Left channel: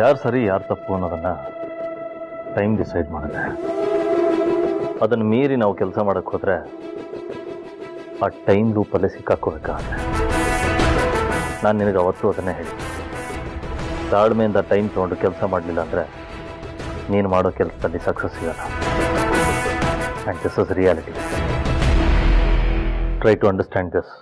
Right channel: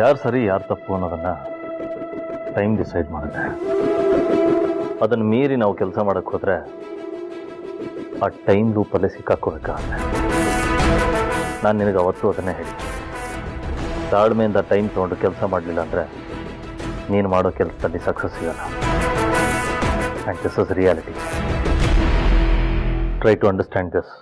ಯಾರು ಸರಿ ಯಾರು ತಪ್ಪು ಅನ್ನೋದನ್ನು ಟೈಮ್ ಡಿಸೈಡ್ ಮಾಡುತ್ತೆ. ಅದನ್ನು ಮೀರಿ ನಾವು ಕೆಲಸ ಮಾಡೋಕ್ಕೆ ಹೋದರೆ ಆ ಟೈಮ್ ಲೂಪಲ್ಲೇ ಸಿಕ್ಕಾಕೋಬೇಕಾಗುತ್ತೆ. ನಾನು ನಿನಗೆ ಅವತ್ತು ಅದನ್ನೇ ಹೇಳಿ, ತಾಳ್ಮೆಯಿಂದ ಟೈಮ್ ತೊಗೊಂಡು ಕೆಲಸ ಮಾಡಲಿಲ್ಲ ಅಂದರೆ ನೀನು ಮಾಡೋ ಕೆಲಸದಲ್ಲಿ ಸಕ್ಸಸ್ ಸಿಗಲ್ಲ. And this is reality. Try to understand this.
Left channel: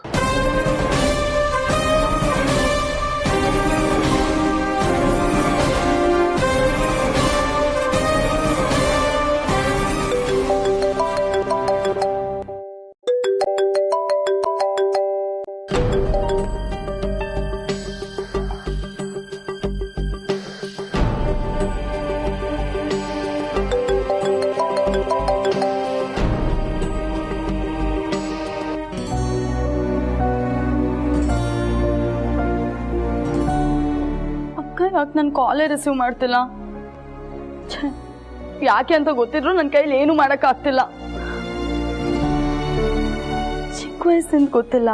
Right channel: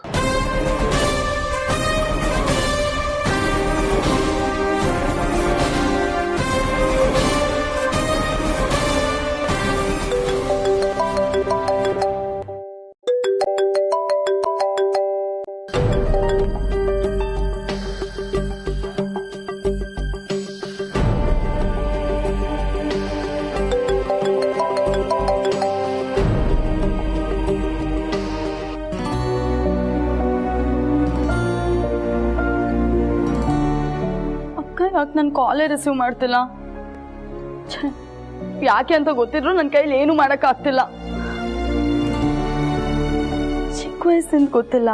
ಯಾಕೆ ನನ್ನ ಕಾಲೇ ರಿಸೀವ್ ಮಾಡ್ತಿಲ್ಲ? ಯಾಕೆ ಅಂತ ಗೊತ್ತಿದ್ರು ನನ್ನ ಕೈಲಿ ಏನು ಮಾಡೋಕ್ಕಾಗ್ತಿಲ್ಲ. ಚಿಕ್ಕ ವಯಸ್ಸಿಂದ ಗೊತ್ತಿಲ್ಲ,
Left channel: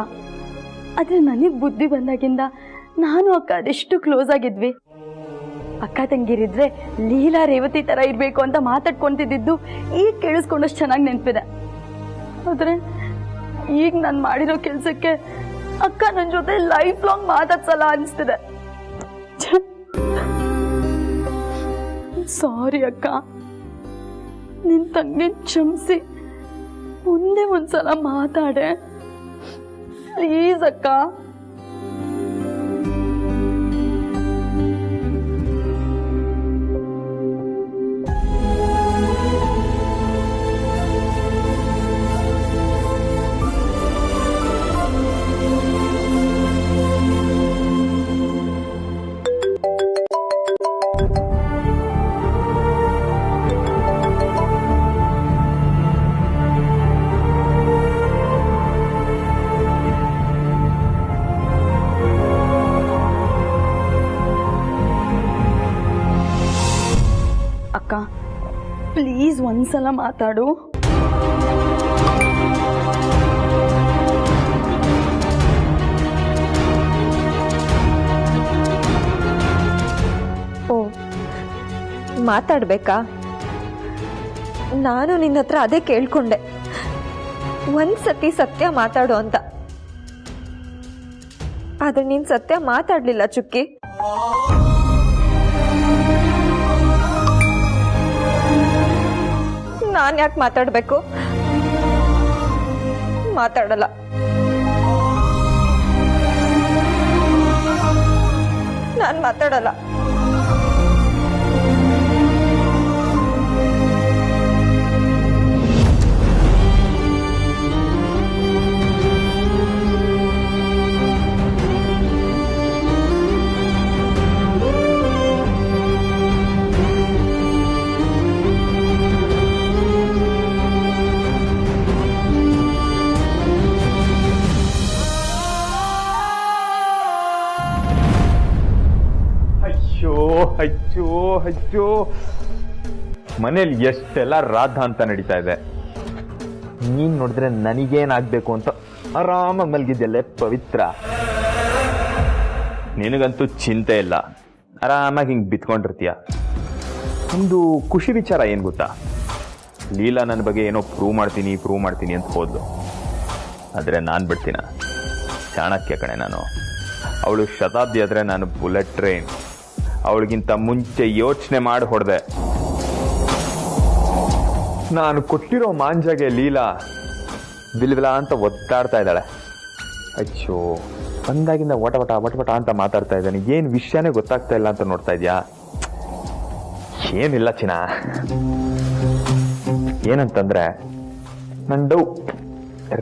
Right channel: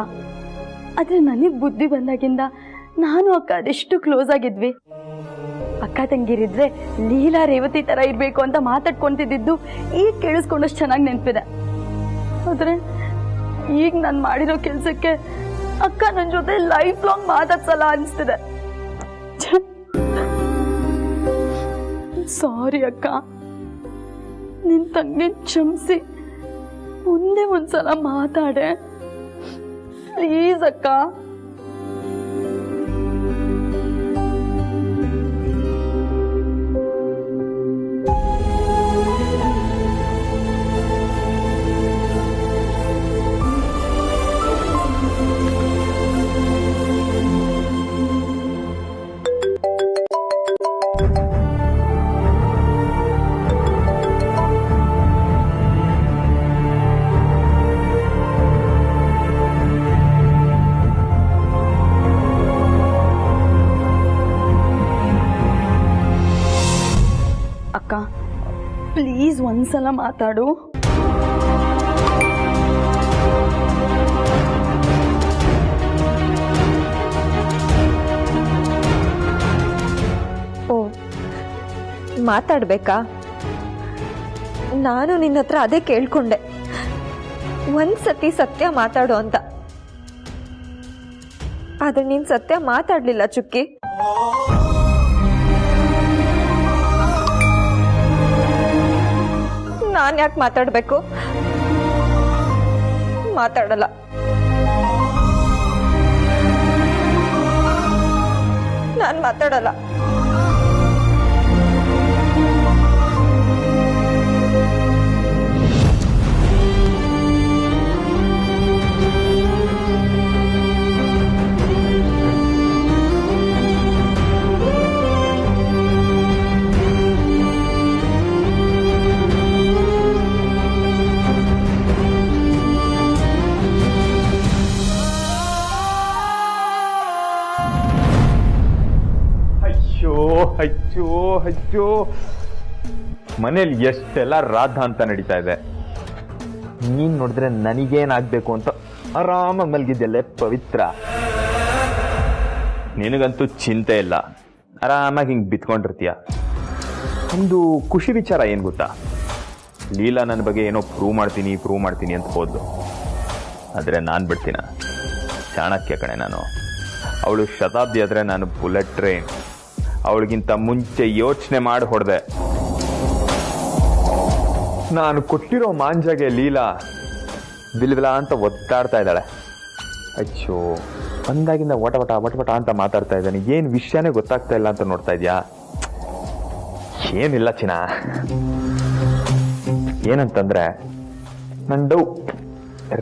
ಆದರೆ ನನಗೆ ಬುದ್ಧಿ ಬಂದಾಗಿಂದ ನಾನು ಅಕ್ಕ ಅದೆಷ್ಟು ಕ್ಲೋಸ್ ಆಗಿದ್ವಿ. ಅಕ್ಕ ತಂಗಿರಿದ್ರೆ ಲೀಲಾ ರೇವತಿ ಥರ ಇರಬೇಕು ಅಂತ ಮಾತಾಡ್ಕೊಂತಿದ್ದು ಈಗ ಕೇಳಿಸ್ಕೊಂಡಷ್ಟು ಚೆನ್ನಾಗಿ ನೆನಪಿದೆ. ಆದರೆ ಈಗ ನಾನು ಮಾಡಿರೋ ಕೆಲಸಕ್ಕೆ ಅಕ್ಕ ನನ್ನ ಜೊತೆ ಲೈಫ್ ಲಾಂಗ್ ಮಾತಾಡ್ಸಲ್ಲ ಅನಿಸ್ತಿದೆ. ಸಾರಿ ಅಕ್ಕ, ನಿನ್ ತಂಗಿ ಕ್ಷಮಿಸಿ, ಮುಂದೆ ಒಂದ್ಸಲ ಮಾತಾಡೆ ಪ್ಲೀಸ್ ಅಕ್ಕ. ಅಕ್ಕ ಪ್ಲೀಸ್ ಒಂದ್ಸಲ ಮಾತಾಡು. ಓ, ಮಾತಾಡ್ಬೇಕಾ? ನಾನು ನಿನ್ನ ಹತ್ರ ಅದೇ ಕೇಳ್ಕೊಂಡೆ, ಒಂದ್ಸತಿ ಸತ್ಯ ಮಾತಾಡು ಅಂತ. ಆದ್ರೆ ನೀನ್ ಸತ್ಯ ಮಾತಾಡ್ಲಿಲ್ಲ ಚುಕ್ಕಿ. ನಾನು ಯಾಕೆ ಮಾತಾಡಬೇಕು? ಮಾತಾಡಲ್ಲ. ನಾನು ಮಾತಾಡಲ್ಲ. ಅಯ್ಯೋ ಅಯ್ಯೋ, ಮನೇಲಿ ಎಷ್ಟೆಲ್ಲ ರಾಧ ಅಂತ ನಡೀತಾ ಇದೆ. ನೀನ್ ನೋಡಿದ್ರೆ ನನಗೇನಾಗ್ಬೇಕು ಅಂತ ಆರಾಮ ಮಲ್ಗಿದ್ದೆಲ್ಲ ಪವಿತ್ರ. ನಿನಗಂತೂ ಚಿಂತೆ ಇಲ್ಲ, ಆರಾಮಾಗಿ ಹಿಂಗ್ ಬಿತ್ಕೊಂಡಿರ್ತೀಯ. ಒಂದು ಖುಷಿ ವಿಚಾರ ಏನ್ ಗೊತ್ತಾ, ಲೀಲಾ ನನ್ನ ಬಗ್ಗೆ ಏನೋ ಪ್ರೂವ್ ಮಾಡ್ತೀನಿ ಅಂತ ಹೋದ್ಲು. ಆದ್ರೆ ನಾನ್ ಬಿಡ್ತೀನ? ಚಾಣಕ್ಯ ಕಣೆ ನಾನು. ಅವಳು ಶತಾಬ್ದಿ ಆದ್ರೆ ನಾನು ಬುಲೆಟ್ ಟ್ರೈನ್. ಅವಳಿಗಿಂತ ಮುಂಚೆ ಯೋಚನೆ ಮಾಡಿ ಹೊಡೆದೆ. ನಾನು ಕೊಟ್ಟಿರೋ ಮಾಂಜಾಗೆ ಲೀಲಾ ಬಿಲ್ಬಿಲ ಅಂತ ಒತ್ತಾಡ್ತಾ ಇದ್ದಾಳೆ. ಅಯ್ಯೋ, ಬಂದಾಗಿಂದ ವಟವಟ ಅಂತ ಮಾತಾಡ್ತಾ ಇದ್ದಾನೆ. ಏನ್ ವಿಷಯನೇ ಗೊತ್ತಾಗ್ತಾ ಇಲ್ಲ ಅಂತ ನೋಡ್ತಾ ಇದ್ಯಾ? ಏನಿಲ್ಲ ಚಿನ್ನ, ಏನಂತಂದ್ರೆ ನನ್ನ ಡೌ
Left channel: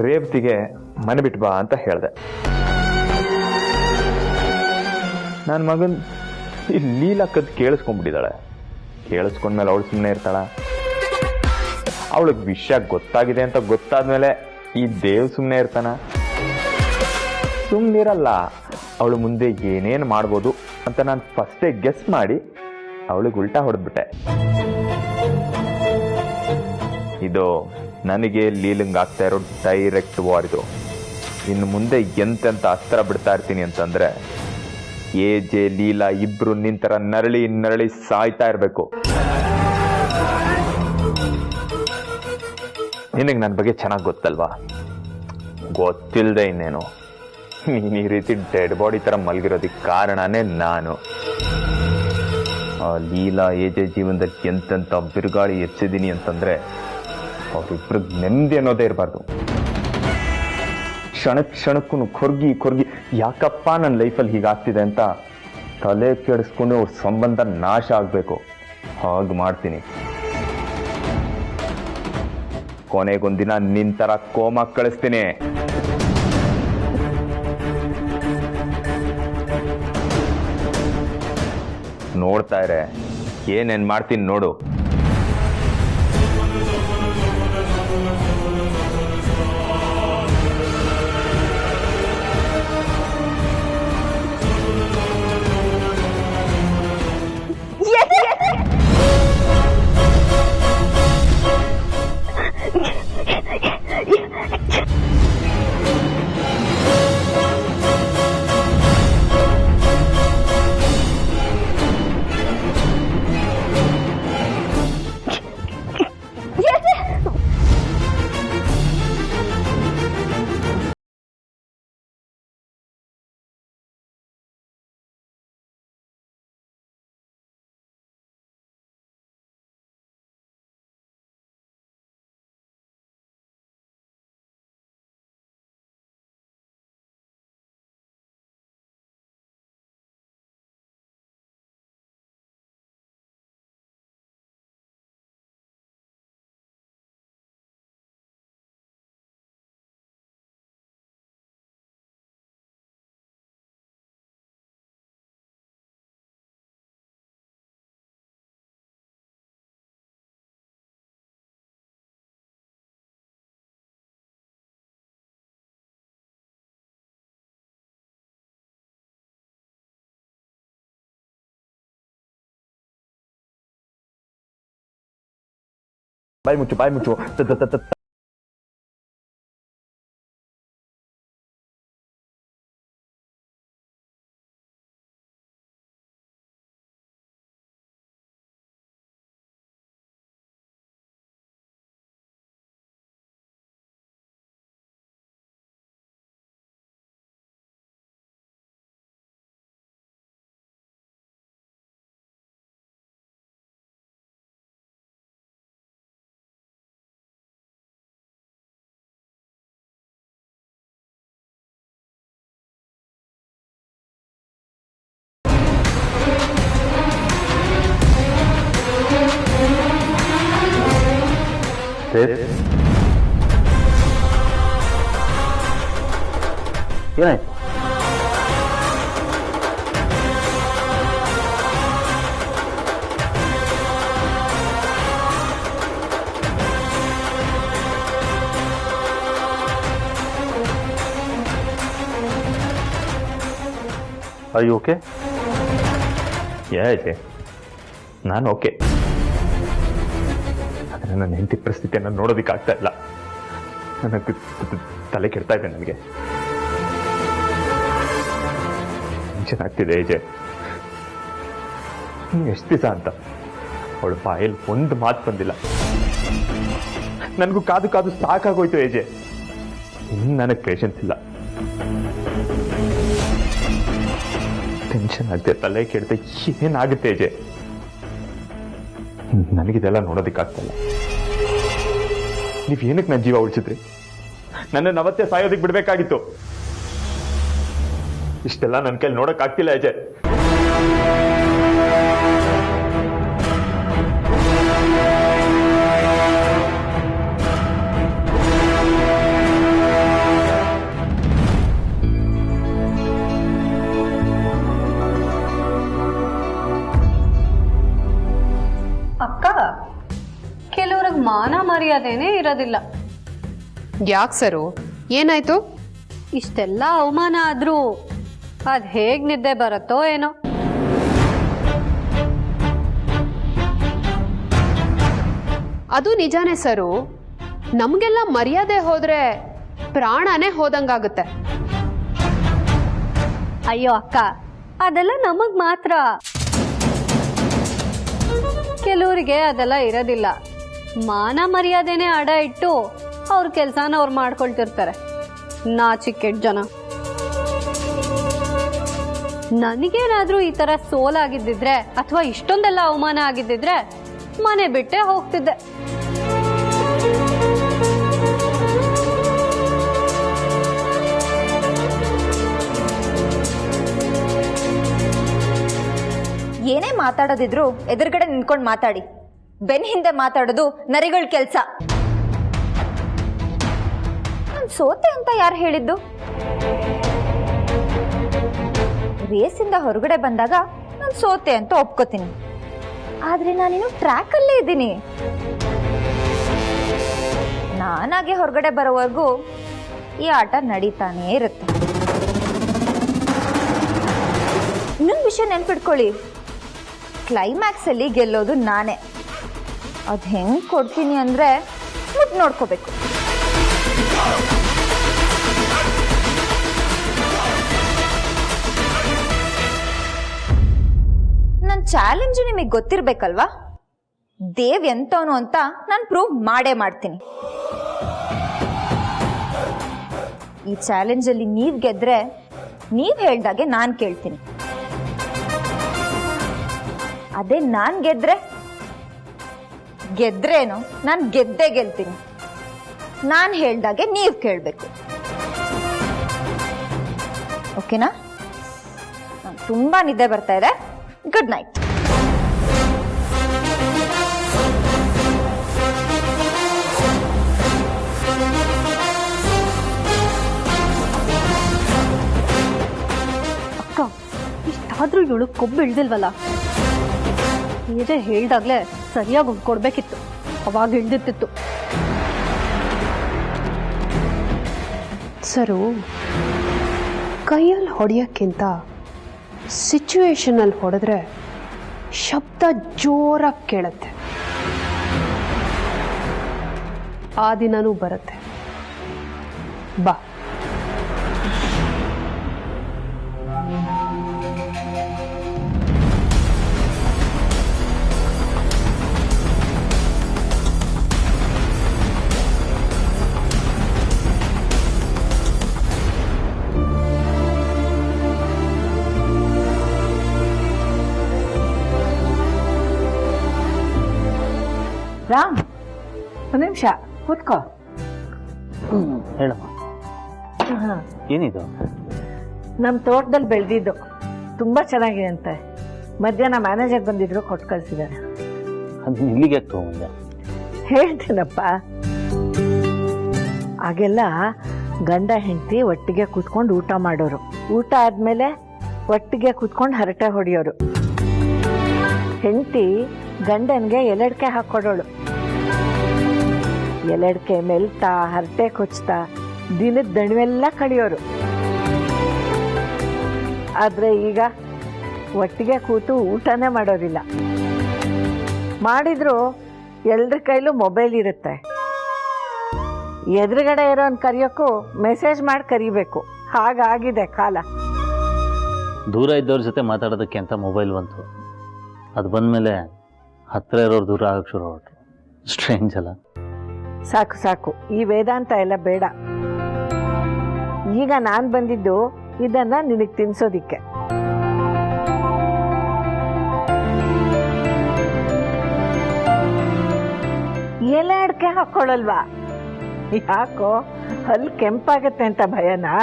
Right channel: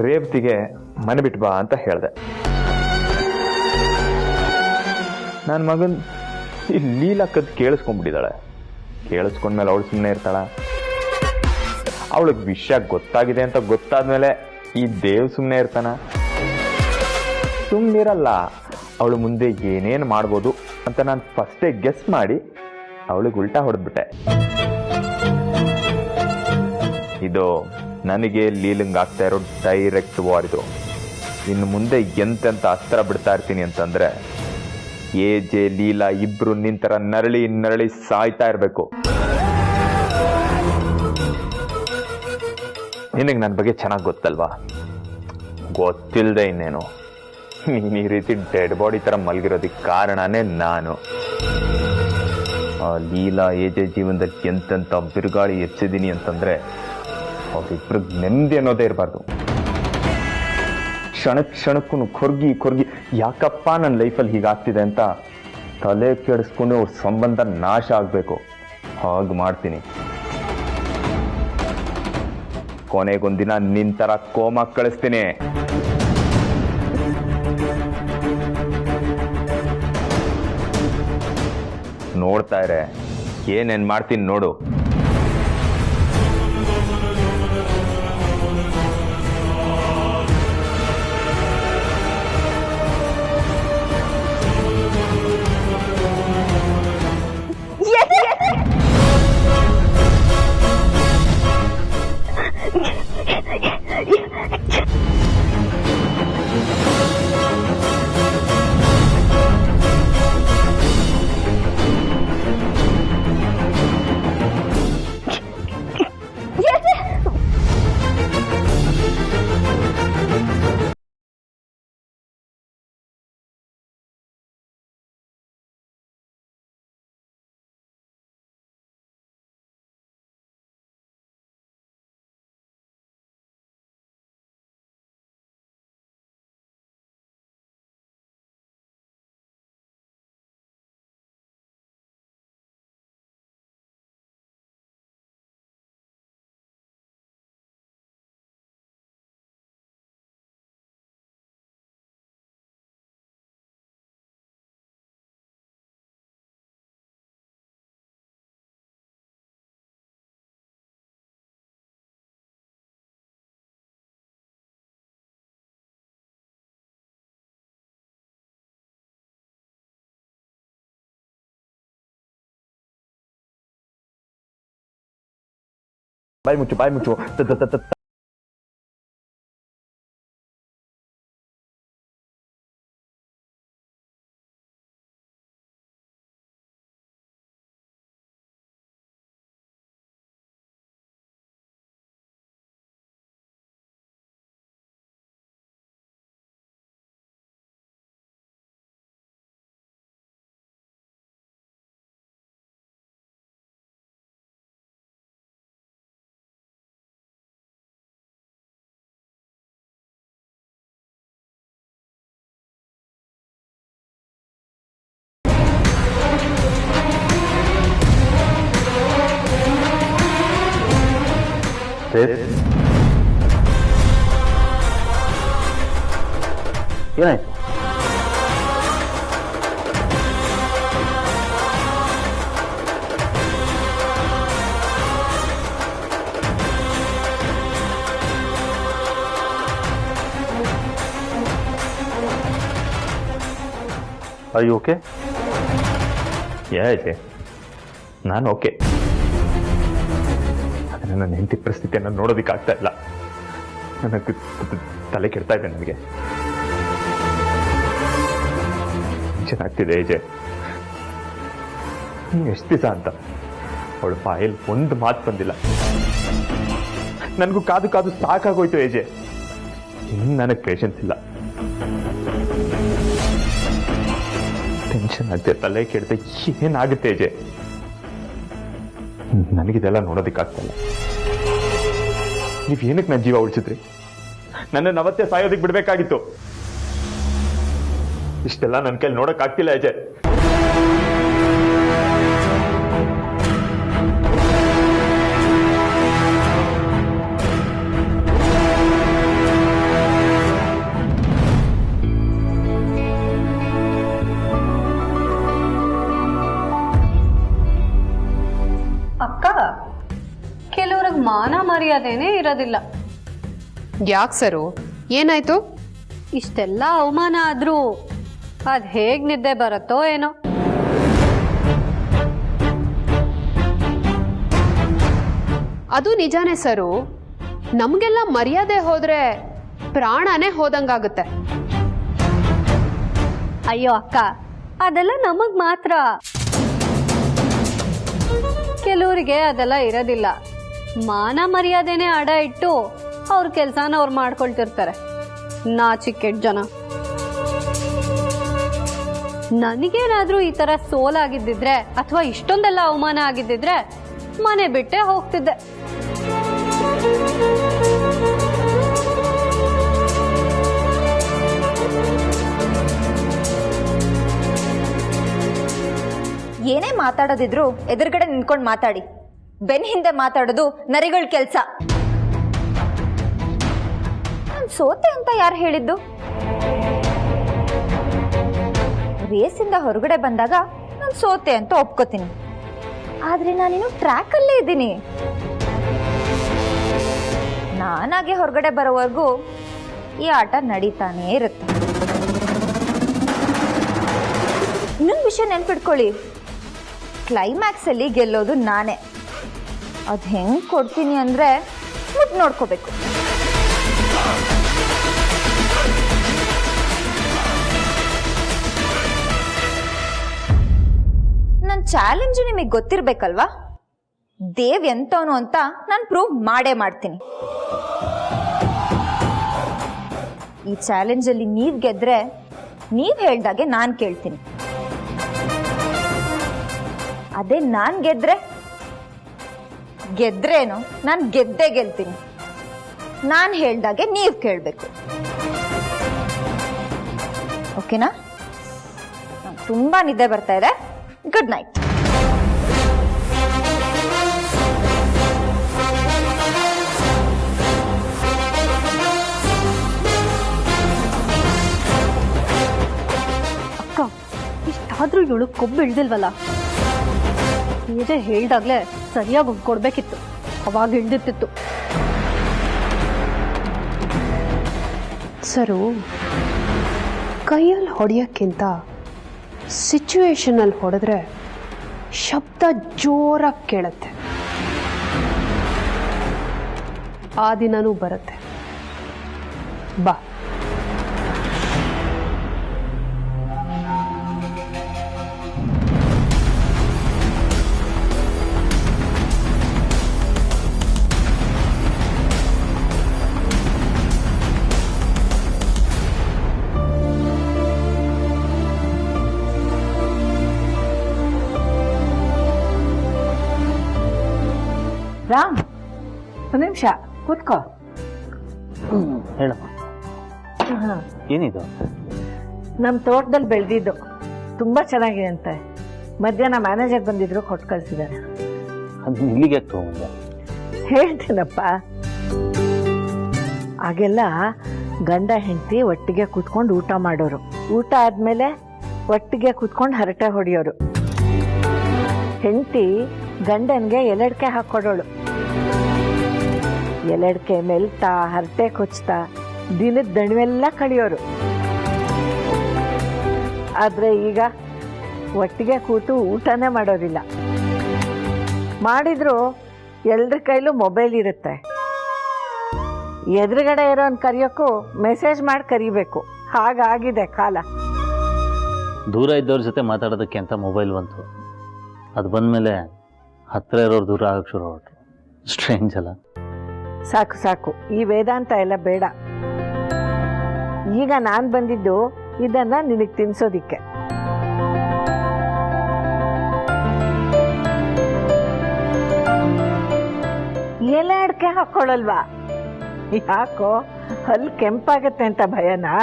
ರೇವತಿಗೆ ಮನೆ ಬಿಟ್ಟು ಬಾ ಅಂತ ಹೇಳ್ದೆ. ನನ್ನ ಮಗನ್ ಈ ಲೀಲಾ ಕದ್ ಕೇಳಿಸ್ಕೊಂಡ್ಬಿಟ್ಟಿದ್ದಾಳೆ. ಕೇಳಿಸ್ಕೊಂಡ್ಮೇಲೆ ಅವಳು ಸುಮ್ಮನೆ ಇರ್ತಾಳ? ಅವಳಿಗೆ ವಿಷಯ ಗೊತ್ತಾಗಿದೆ ಅಂತ ಗೊತ್ತಾದ್ಮೇಲೆ ಈ ದೇವ್ ಸುಮ್ಮನೆ ಇರ್ತಾನ? ಸುಮ್ಮನಿರಲ್ಲ. ಅವಳು ಮುಂದೆ ಏನೇನು ಮಾಡ್ಬೋದು ಅಂತ ನಾನು ಫಸ್ಟೇ ಗೆಸ್ ಮಾಡಿ ಅವಳಿಗೆ ಉಲ್ಟಾ ಹೊಡೆದ್ಬಿಟ್ಟೆ. ಇದು ನನಗೆ ಲೀಲಂಗ್ ಆಗ್ತಾ ಇರೋ ಡೈರೆಕ್ಟ್ ವಾರ್. ಇದು ಇನ್ನು ಮುಂದೆ ಎಂತೆಂತ ಅಸ್ತ್ರ ಬಿಡ್ತಾ ಇರ್ತೀನಿ ಅಂತಂದ್ರೆ ಜೆ ಲೀಲಾ ಇಬ್ರು ನಿಂತರ ನರಳಿ ನರಳಿ ಸಾಯ್ತಾ ಇರ್ಬೇಕು. ನಿನಗೆ ನನ್ನ ಬಗ್ಗೆ ಚೆನ್ನಾಗಿ ಗೊತ್ತಲ್ವಾ? ಗೊತ್ತಿಲ್ಲದೆ ಇನ್ನೇನು, ನೀನು ಈ ರೀತಿ ಡೆಡ್ ಬಾಡಿ ಥರ ಮಲಗಿರೋದಕ್ಕೆ ಕಾರಣನೇ ನಾನು. ಆ ಲೀಲಾ ಜೆ ಜೀವನದಲ್ಲಿ ಎಂತೆಂಥ ಬಿರುಗಾಳಿ ಎಚ್ಚಿದ್ದೀನಿ ಅಂತಂದರೆ ಅವ್ರಿಬ್ರಿಗೆ ನೆಮ್ಮದಿ ಅನ್ನೋದೇ ಇರಬಾರ್ದು. ಕ್ಷಣಕ್ಕೂ ಕೊರ್ಗಿ ಯಾಕಪ್ಪ ನನ್ನ ಲೈಫಲ್ಲಿ ಹೀಗಾಗ್ತಿದೆ ಅಂತ ತಲೆ ಕೆಡಿಸ್ಕೊಂಡು ಅವ್ರ ಸಂಬಂಧ ನಾಶ ಆಗಬೇಕು. ಹಾಗೆ ಮಾಡ್ತೀನಿ. ಕೊನೆಗೊಂದಿನ ನಿಂತರ ಕೋಮ ಕಳಿಸ್ತೀನಿ. ನೋಡ್ತಾ ಇರೆ, ಏನೇನ್ ಮಾಡ್ತೀನಿ ನೋಡು. ಬಾಯ್ ಮುಚ್ಚು ಏನಾಯ್ತು? Are you okay? ಯಾಕೆ? ನಾನು ಓಕೆ. ಆದರೆ ನನ್ನ ಹೆಂಡತಿ ಪರಿಸ್ಥಿತಿಯನ್ನು ನೋಡೋದಕ್ಕಾಗ್ತಾ ಇಲ್ಲ. ನನಗೆ ತಲೆ ಕೆಡ್ತಾ ಇದೆ. ನನಗೆ ಟೆನ್ಷನ್ ಆಗ್ತಿದೆ. ಏಜೆ, ಎಷ್ಟು ದಿವಸ ಅಂತ ಅವಳ ಬಾಯಲ್ಲಿ ಒಂದು ಮಾತು ಬಂದಿಲ್ಲ. ನನಗೂ ಕಾದು ಸಾಕಾಗೋಯ್ತು. ಏಜೆ, ಇನ್ನು ನನಗೆ ಪೇಷನ್ಸ್ ಇಲ್ಲ. ಟೆನ್ಷನ್ ಆಗುತ್ತೆ, ತಲೆ ಕೆಡ್ತೆ. ಏನಾಗುತ್ತೆ ಏಜೆ? ನನಗಿದೆಲ್ಲ ನೋಡೋದಕ್ಕಾಗ್ತಲ್ಲ. ನೀವೇನಕ್ಕೆ ನನ್ನ ಜೀವ ಉಳಿಸಿದ್ರಿ? ನನ್ನ ಅವತ್ತೇ ಸಾಯೋದಕ್ಕೆ ಬಿಡ್ಬೇಕಾಗಿತ್ತು. ಇಷ್ಟೆಲ್ಲ ನನ್ನ ಕೈಲಿ ನೋಡಕ್ಕಾಗ್ತಿಲ್ಲ ಅಜಯ್. ಅಕ್ಕ, ಕೆಲವ್ರಿಗೆ ಮಾನ ಮರ್ಯಾದೆನೇ ಇರೋದಿಲ್ಲ. ಯಾಕೆ ಸರು, ಏನಾಯ್ತು? ಇಷ್ಟೆಲ್ಲ ಅವಮಾನ ಆದ್ರೂ ಅದ್ ಹೇಗ್ ನಿದ್ದೆ ಬರುತ್ತೋ ಏನೋ. ಅದು ನಿಜಾನೇ ಸರು. ನಮ್ಗೆಲ್ಲ ಮರ್ಯಾದೆ ಹೋದ್ರೆ ಪ್ರಾಣನೇ ಹೋದಂಗಾಗುತ್ತೆ. ಅಯ್ಯೋ ಅಕ್ಕ, ಅದೆಲ್ಲ ನಮಗ್ ಮಾತ್ರ. ಕೆಲವರಿಗೆ ಅದೆಲ್ಲ ಇರೋದಿಲ್ಲ. ಮಾನ ಮರ್ಯಾದೆನೆ ಅಡ ಇಟ್ಟು ಅವ್ರ ಕೆಲ್ಸನ ಅವ್ರು ಮಾಡ್ಕೊಳ್ತಿರ್ತಾರೆ. ನಾಚಿಕೆಟ್ ಜನ. ನನಗೇನಾದ್ರೂ ಈ ತರ ಸೋಲಾಗಿದ್ದಿದ್ರೆ ಅಥವಾ ಇಷ್ಟೊಂದೆಲ್ಲ ಅವಮಾನ ಆಗಿದ್ದಿದ್ರೆ ಮನೆ ಬಿಟ್ಟೆ ಹೋಗ್ತಿದ್ದೆ. ಏನೇ ಮಾತಾಡೋದಿದ್ರು ಎದುರುಗಡೆ ನಿಂತ್ಕೊಂಡು ಮಾತಾಡಿ. ಬೆನ್ ಹಿಂದೆ ಮಾತಾಡೋದು ನರಿಗಳ ಕೆಲ್ಸ. ನಾನ್ ಸೋತೆ ಅಂತ ಯಾರು ಹೇಳಿದ್ದು? ರೇಸಿಂದ ಹೊರಗಡೆ ಬಂದಾಗ ನಾನು ಸೋತೆ ಅಂತ ಒಪ್ಕೋತೀನಿ. ಆದ್ರೆ ನಾನಿನ್ನು ಟ್ರ್ಯಾಕ್ ಅಲ್ಲೇ ಇದ್ದೀನಿ. ನಾನಾಗೆ ಹೊರಗಡೆ ಬರೋವರೆಗೂ ಈ ಆಟ ನಡೀತಾನೇ ಇರುತ್ತೆ. ಇನ್ನೊಂದು ವಿಷಯ ನೆನ್ಪಿಟ್ಕೊಳ್ಳಿ, ಕ್ಲೈಮ್ಯಾಕ್ಸ್ ಅಲ್ಲಿ ಗೆಲ್ಲೋದು ನಾನೇ. ಅದ್ ಹೆಂಗ್ ಕೊಡ್ತೀನಿ ಅಂದ್ರೆ ಮುಟ್ ನೋಡ್ಕೋಬೇಕು. ನನ್ನ ಚಾಲೆಂಜ್ ನಿಮಗೆ ಗೊತ್ತಿರ್ಬೇಕಲ್ವಾ? ದೇವ್ ಎಂತವನು ಅಂತ ನಾನು ಪ್ರೂವ್ ಮಾಡೇ ಮಾಡ್ತೀನಿ. ಈ ಚಾಲೆಂಜ್ ಅಲ್ಲಿ ನೀವ್ ಗೆದ್ರೆ ನೀವ್ ಹೇಳ್ದಾಗೆ ನಾನ್ ಕೇಳ್ತೀನಿ. ಅದೇ ನಾನ್ ಗೆದ್ರೇನು ನಾನ್ ಗೆದ್ದೇ ಗೆಲ್ತೀನಿ. ನಾನ್ ಹೇಳ್ದಾಗೆ ನೀವ್ ಕೇಳ್ಬೇಕು. ಓಕೆನಾ? ತುಂಬಾ ನಿದ್ದೆ ಬರ್ತಾ ಇದೆ. Good night. ಅಕ್ಕ, ಇಷ್ಟಾದ್ರೂ ಇವಳು ಕೊಬ್ಬು ಇಳ್ದಿಲ್ವಲ್ಲ? ಹೀಗೆ ಹೇಳ್ದಾಗ್ಲೇ ಸರಿಯಾಗಿ ಕೊಡ್ಬೇಕಿತ್ತು. ಅವಾಗ ಇಳ್ದಿರ್ತಿತ್ತು. ಸರು, ಕೈಯಲ್ಲಿ ಹೊಡೆಯೋಕ್ಕಿಂತ ಸಿಚುವೇಶನ್ ಅಲ್ಲಿ ಹೊಡೆದ್ರೆ ಶಬ್ದ ಜೋರಾಗಿ ಕೇಳುತ್ತೆ. ಆ ದಿನನೂ ಬರುತ್ತೆ. ಬಾ. ರಾಮ್, ಒಂದು ನಿಮಿಷ ಕೂತ್ಕೋ. ಹೇಳಮ್ಮ, ಏನಿದು? ನಮ್ಮ ತೋಟದಲ್ಲಿ ಬೆಳೆದಿದ್ದು ತುಂಬಾ ಚೆನ್ನಾಗಿದೆ ಅಂತೆ. ಮಧ್ಯಾಹ್ನ ಮ್ಯಾನೇಜರ್ ಬಂದಿದ್ರು, ಕೊಟ್ಟು ಕಳ್ಸಿದ್ದಾರೆ. ಅದು ಇಲ್ಲಿಗೆ ತಗೊಂಡೆ. ಹೇಳ್ತೀನಪ್ಪ. ಆಗೆಲ್ಲ ಗಂಡ ಹೆಂಡತಿ ಒಟ್ಟಿಗೆ ಕೂತ್ಕೊಂಡು ಊಟ ಮಾಡೋರು. ಊಟ ಆದ್ಮೇಲೆ ಒಟ್ಟಿಗೆ ಕೂತ್ಕೊಂಡು ಹರಟೆ ಹೊಡೆಯೋರು. ಹೆಂಡತಿ ಗಂಡನ್ಗೆ ಎಲೆಡ್ಕೆ ಹಾಕೊಡೋಳು. ಎಲೆಡ್ಕೆ ಮೆಲ್ತಾ ಹರಟೆ ಕೊಚ್ತಾ ದಿನದ ದಣಿವೆಲ್ಲ ಕಳಿಯೋರು. ಆದ್ರೆ ಈಗ ಒಟ್ಟಿಗೆ ಕೂತು ಊಟನೇ ಮಾಡೋದಿಲ್ಲ. ಮಾಡಿದ್ರು ಎಲ್ರ ಕೈಲೂ ಮೊಬೈಲ್ ಇರುತ್ತೆ. ಎದುರುಗಡೆ ಇರೋನ್ ಕರೆಯೋಕ್ಕೂ ಮೆಸೇಜ್ ಮಾಡಿ ಕರಿಬೇಕು. ಹಾಗಾಗಿದೆ ಕಾಲ. ದೂರ ಇದ್ದವ್ರ ಜೊತೆ ಮಾತಾಡೋದಕ್ಕೆ ಅಂತ ಮೊಬೈಲ್ ಬಂತು. ಅದು ಬಂದಮೇಲೆ ಹತ್ತಿರ ಇರೋರು ದೂರ ಆಗಕ್ಕೆ ಶುರು ಹೊರಟ್ರು. ಸ್ಟ್ರೇಂಜ್ ಅಲ್ಲ? ಸಾಕು ಸಾಕು, ಈ ವೇದಾಂತ ಎಲ್ಲ ಬೇಡ. ಈಗ ನಾನು ಬಂದಿದ್ದು ಇದನ್ನ ನಿನಗೆ ತಿನ್ಸೋದಿಕ್ಕೆ. ಎಲೆ ಅಡ್ಕೆ ಹಾಕೊಳ್ಳಲ್ವಾ? ಯಾಕೋ ಹಲ್ಲು ಕೆಂಪಾಗತ್ತೆ ಅಂತ ಭಯನಾ?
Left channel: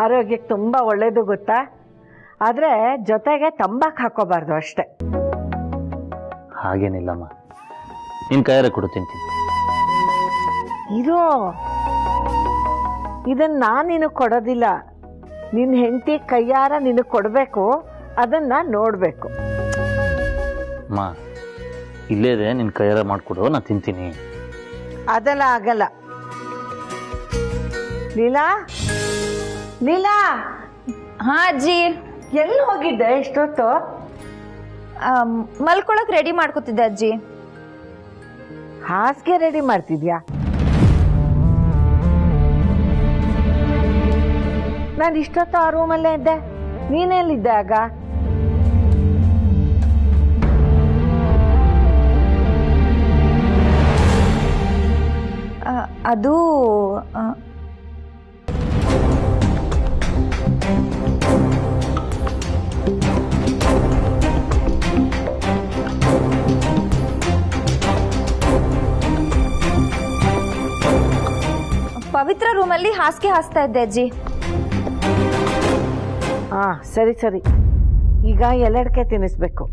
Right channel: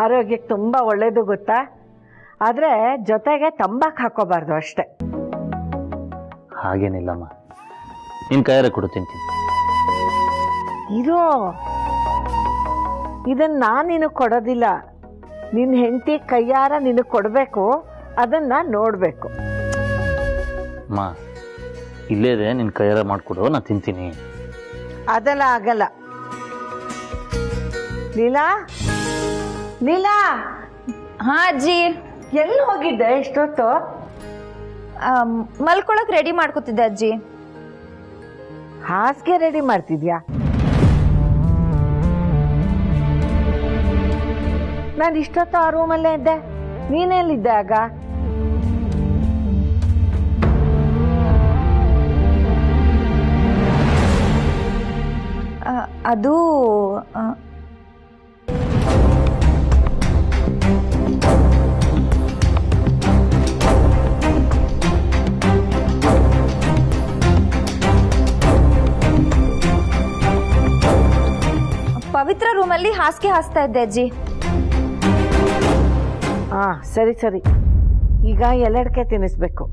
ಆರೋಗ್ಯಕ್ಕೆ ತುಂಬಾ ಒಳ್ಳೇದು ಗೊತ್ತಾ. ಆದ್ರೆ ಜೊತೆಗೆ ತಂಬಾಕು ಹಾಕೋಬಾರ್ದು ಅಷ್ಟೆ. ಹಾಗೇನಿಲ್ಲಮ್ಮ, ನಿನ್ ಕೈಯಾರೆ ಕೊಡು, ತಿಂತೀನಿ. ಇರೋ, ಇದನ್ನ ನಾನು ನಿನಗೆ ಕೊಡೋದಿಲ್ಲ. ನಿನ್ನ ಹೆಂಡತಿ ಕೈಯಾರ ನಿನಗೆ ಕೊಡಬೇಕು. ಅದನ್ನ ನೋಡ್ಬೇಕು. ಅಮ್ಮ, ಇಲ್ಲೇ ಇದೆ, ನಿನ್ ಕೈಯಾರ ಮಾಡ್ಕೊಡು, ನಾ ತಿಂತೀನಿ. ಅದೆಲ್ಲ ಆಗಲ್ಲ. ಲೀಲಾ, ಲೀಲಾ. ಹಾ ಅಜ್ಜಿ. ಎಲ್ಲಿ ಹೋಗಿದ್ದೆ ಇಷ್ಟೊತ್ತು? ಮಲ್ಕೊಳಕ್ ರೆಡಿ ಮಾಡ್ಕೊತಿದ್ದೆ ಅಜ್ಜಿ. ಹಾಸಿಗೆ ರೆಡಿ ಮಾಡ್ತಿದ್ಯಾ? ನಾನು ಇಷ್ಟೊತ್ತು ಆ ರೂಮಲ್ಲೇ ಇದ್ದೆ. ನೀನೆಲ್ಲಿದ್ದೆ ಆಗ? ಅದು ಪವಿತ್ರ ರೂಮಲ್ಲಿ ಹಾಸಿಗೆ ಹಾಸ್ತಾ ಇದ್ದೆ ಅಜ್ಜಿ. ಹಾ ಸರಿ ಸರಿ. ಈಗ ಎಲೆಡ್ಕೆ ತಿನ್ನಿಸ್ಬೇಕು,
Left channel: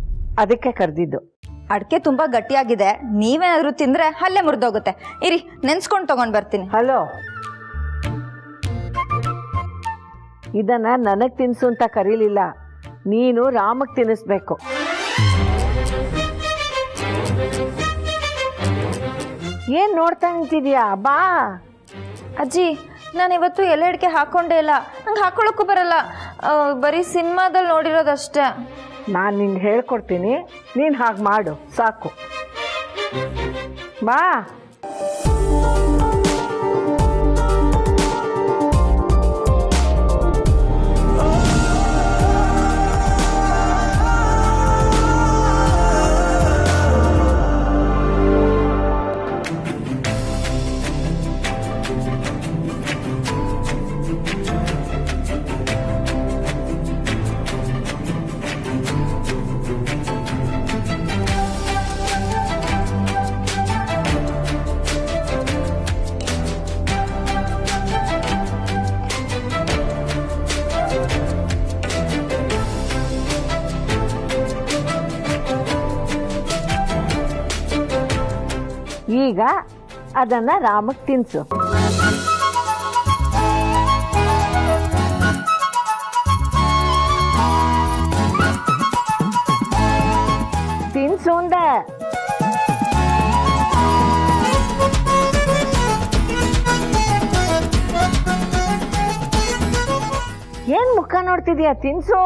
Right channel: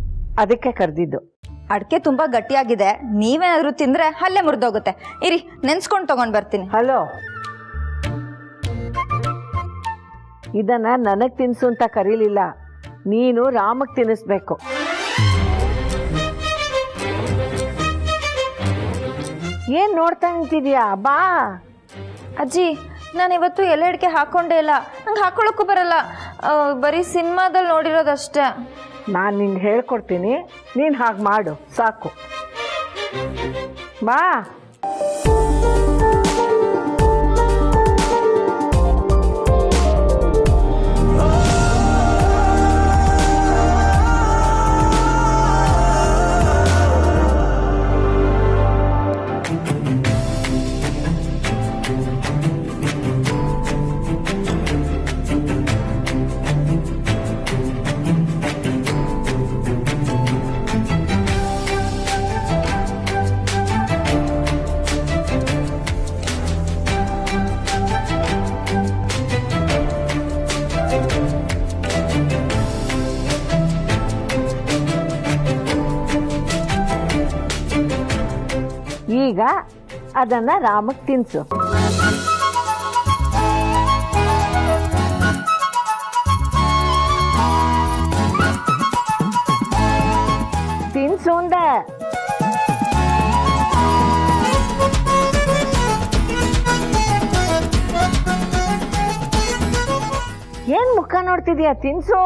ಅದಕ್ಕೆ ಕರೆದಿದ್ದು. ಅಡ್ಕೆ ತುಂಬಾ ಗಟ್ಟಿಯಾಗಿದೆ, ನೀವೇನಾದ್ರೂ ತಿಂದ್ರೆ ಹಲ್ಲೆ ಮುರಿದೋಗುತ್ತೆ. ಇರಿ, ನೆನ್ಸ್ಕೊಂಡು ತಗೊಂಡ್ ಬರ್ತೀನಿ. ಹಲೋ, ಇದನ್ನ ನನಗ್ ತಿನ್ಸು ಅಂತ ಕರೀಲಿಲ್ಲ, ನೀನು ರಾಮಗ್ ತಿನ್ನಿಸ್ಬೇಕು. ಏನ್ ನೋಡ್ತಾ ನಿಂತಿದ್ಯಾ? ಬಾ. ಅಜ್ಜಿ, ನಾನು ಇವತ್ತು ಎಲೆ ಅಡಿಕೆ ಹಾಕೊಂಡೇ ಇಲ್ಲ, ನಂಗೆ ಹಾಕೊಳ್ಳೋಕ್ಕೂ ಬರಲ್ಲ. ಬರೀ ಸಿನಿಮಾದಲ್ಲಿ ನೋಡಿರೋದಷ್ಟೇ. ನಾನು ನಿಂಗೆ ಹೇಳ್ಕೊಡ್ತೀನಿ, ನೀನು ಹಾಗೆ ಮಾಡು ಸಾಕು. ಬಾ. ಈಗ ಅದನ್ನ ರಾಮಕ್ ತಿನ್ಸು. ತಿನ್ಸು ಅಂದೆ. ಏನ್ ಮುಖ ನೋಡ್ತಿದ್ಯಾ? ತಿನ್ಸು.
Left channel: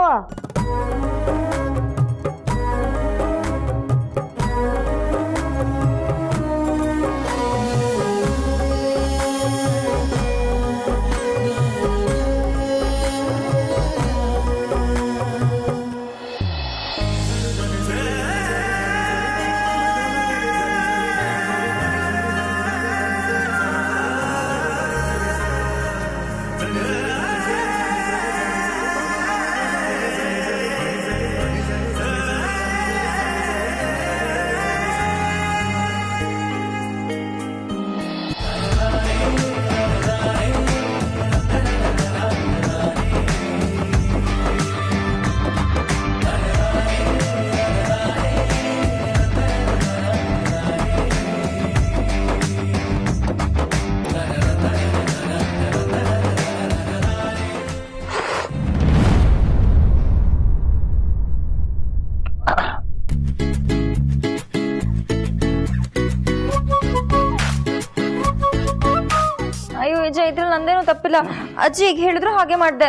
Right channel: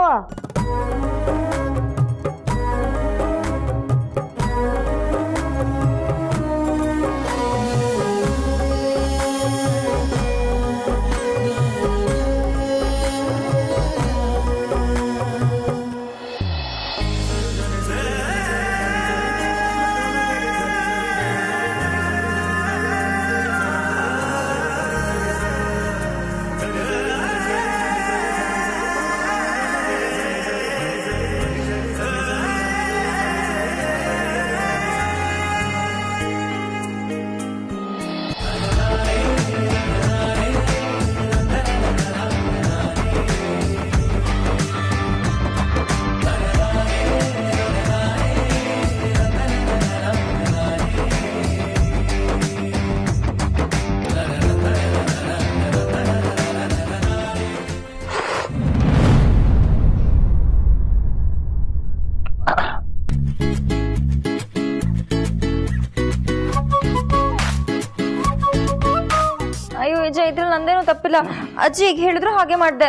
ಅಯ್ಯೋ ನಿಜ, ಇದ್ರಲ್ಲಿ ನಂದೇನು ತಪ್ಪಿಲ್ಲ. ಅಜ್ಜಿ ಈಗ ಹೇಳಿದ್ರು ಹಾಗೆ ಮಾಡ್ದೆ.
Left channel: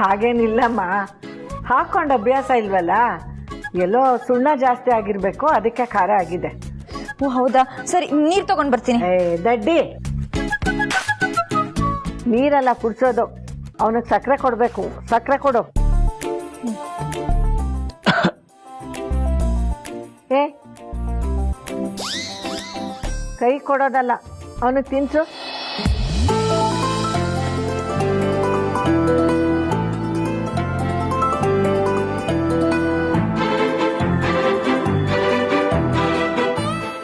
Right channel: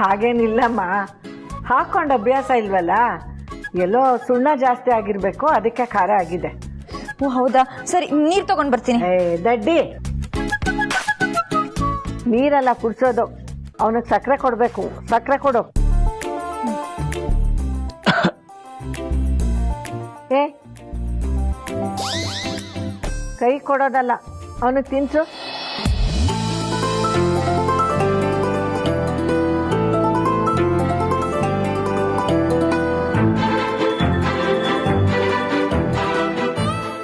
ಹಾಗೇನಿಲ್ಲಮ್ಮ, ಹಾಕೊಂಡ ಅಭ್ಯಾಸ ಇಲ್ವಲ್ಲ, ಎಲ್ಲೋ ಸುಣ್ಣ ಜಾಸ್ತಿ ಆಗಿರ್ಬೇಕು, ಅದಕ್ಕೆ ಖಾರ ಆಗಿದೆ. ಓ ಹೌದಾ, ಸರಿ, ನೀರ್ ತಗೊಂಡ್ ಬರ್ತೀನಿ. ದಡ್ಡಿ, ನೀರೆಲ್ಲ ಕುಡ್ಸೋದು, ಅವನಿಗೆ ಸಕ್ಕರೆ ಕೊಡ್ಬೇಕು. ಸಕ್ಕರೆ ಕೊಡು. ಕೈ ಕೊಡೋದಲ್ಲ, ಅವನಿಗೆ ತಿನ್ಸು.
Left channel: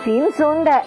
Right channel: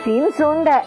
ತಿನ್ಸು ಅಂದೆ.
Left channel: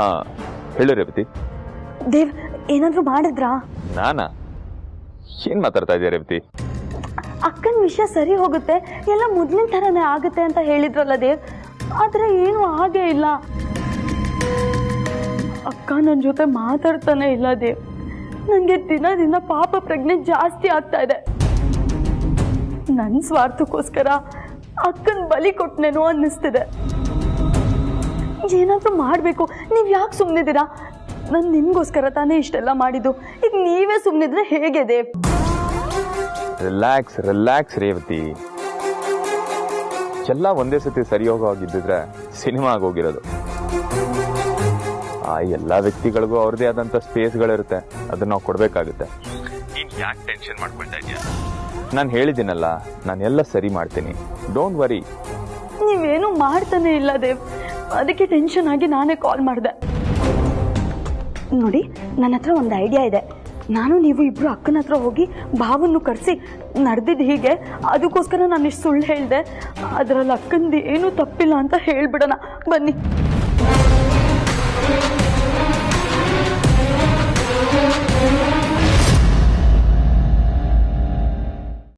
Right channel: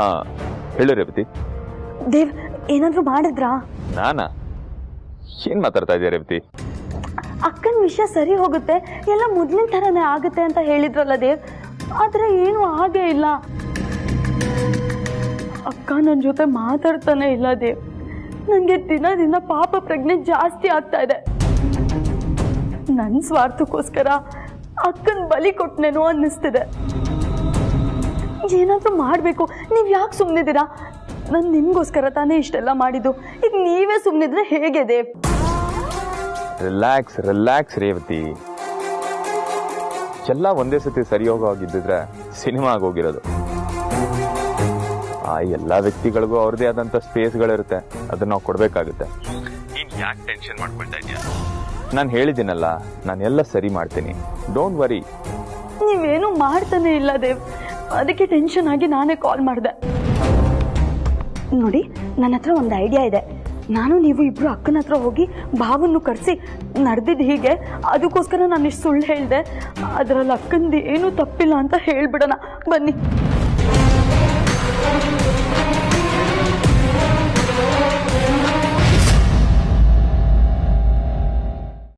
ಹಾ ಹೇಳು ರೇವತಿ. ದೇವ್ ಏನಾದ್ರೂ ಮಾಡಿದ್ರಾ? ನಾನಾ? ಏನ್ ಮಾತಾಡ್ತಾ ಇದೆಯಾ ರೇವತಿ? ಅಕ್ಕನ ವಿಷಯ ಸರಿ ಹೋಗುತ್ತೆ, ಎಲ್ಲ ಮೊದ್ಲಿನ ಥರನೇ ಆಗುತ್ತೆ ಅಂತ ಹೇಳಿದ್ರಲ್ಲ ದೇವ್, ಆದ್ರೆ ಏನು ಆಗೇ ಇಲ್ಲ. ಅಕ್ಕ ನನ್ನ ಜೊತೆ ಮಾತಾಡ್ತಾನೆ ಇಲ್ಲ ದೇವ್. ನನಗೆ ದಿನ ದಿನ ಪಾಪ ಪ್ರಜ್ಞೆ ಜಾಸ್ತಿ ಆಗ್ತಾ ಇದೆ. ನನ್ನ ಸ್ವಾರ್ಥಕ್ಕೋಸ್ಕರ ಅಕ್ಕನ ಬಲಿ ಕೊಟ್ಟನೇನೋ ಅನ್ನಿಸ್ತಿದೆ. ಏನಾದ್ರೂ ಮಾಡಬೇಕು. ನೀವು ಯಾಕೆ ಸುಮ್ಮನಿದ್ದೀರಾ? ನಾನು ನಿಮ್ಗೋಸ್ಕರ ತಾನೇ ಇಷ್ಟೆಲ್ಲ ಮಾಡಿದ್ದು. ಈಗ ನೀವೇ ಸುಮ್ಮನಿದ್ರೆ ಹೇಗೆ ದೇವ್? Relax relax Revathi. ಎಲ್ಲ ಒಂದೇ ಸತಿ ಸರಿ ಹೋಗಿದ್ದಿದ್ರೆ ಸಿನಿಮಾ ಆಗೋಗಿರೋದು. ಆ ಎಲ್ಲ ವ್ಯಕ್ತಿಗಳಿಗೂ ಅವ್ರದೇ ಆದಂತ ಸ್ಪೇಸ್ಗಳಿರುತ್ತೆ, ಅದನ್ನ ನಾವು ಕೊಡ್ಬೇಕಾಗುತ್ತೆ. ನೀನ್ ಯಾಕೆ ಟೆನ್ಷನ್ ಮಾಡ್ಕೊಳ್ತಾ ಇದೀಯ? ನಾನು ಹೇಳಿದ್ದೀನಲ್ಲ, ನಾನು ಎಲ್ಲ ಸರಿ ಮಾಡ್ತೀನಿ, ಡೋಂಟ್ ವರಿ. ನೀವೇನು ಮಾಡ್ತಾನೆ ಇಲ್ಲ ದೇವ್, ಅದಕ್ಕೆ ಟೆನ್ಷನ್ ಆಗಿ ನಾನೇ ಕಾಲ್ ಮಾಡಿದೆ. ನೋಡಿ, ನನ್ನ ಹತ್ರ ಒಂದು ಐಡಿಯಾ ಇದೆ. ನಾನು ನೀವು ಇಬ್ರು ಅಕ್ಕನ ಹತ್ರ ಹೋಗಿ ಭಾವನ್ನು ಕರೆಸಿ ನಡೆದಿದ್ದು ಹೀಗೆ, ಅದಕ್ಕೋಸ್ಕರ ನಾನು ಇಷ್ಟು ಸುಳ್ಳು ಹೇಳಿದೆ, ಅದರಲ್ಲಿ ಅಕ್ಕಂದು ಏನೂ ತಪ್ಪಿಲ್ಲ ಅಂತ ಹೇಳ್ಬಿಡೋಣ. ಬನ್ನಿ.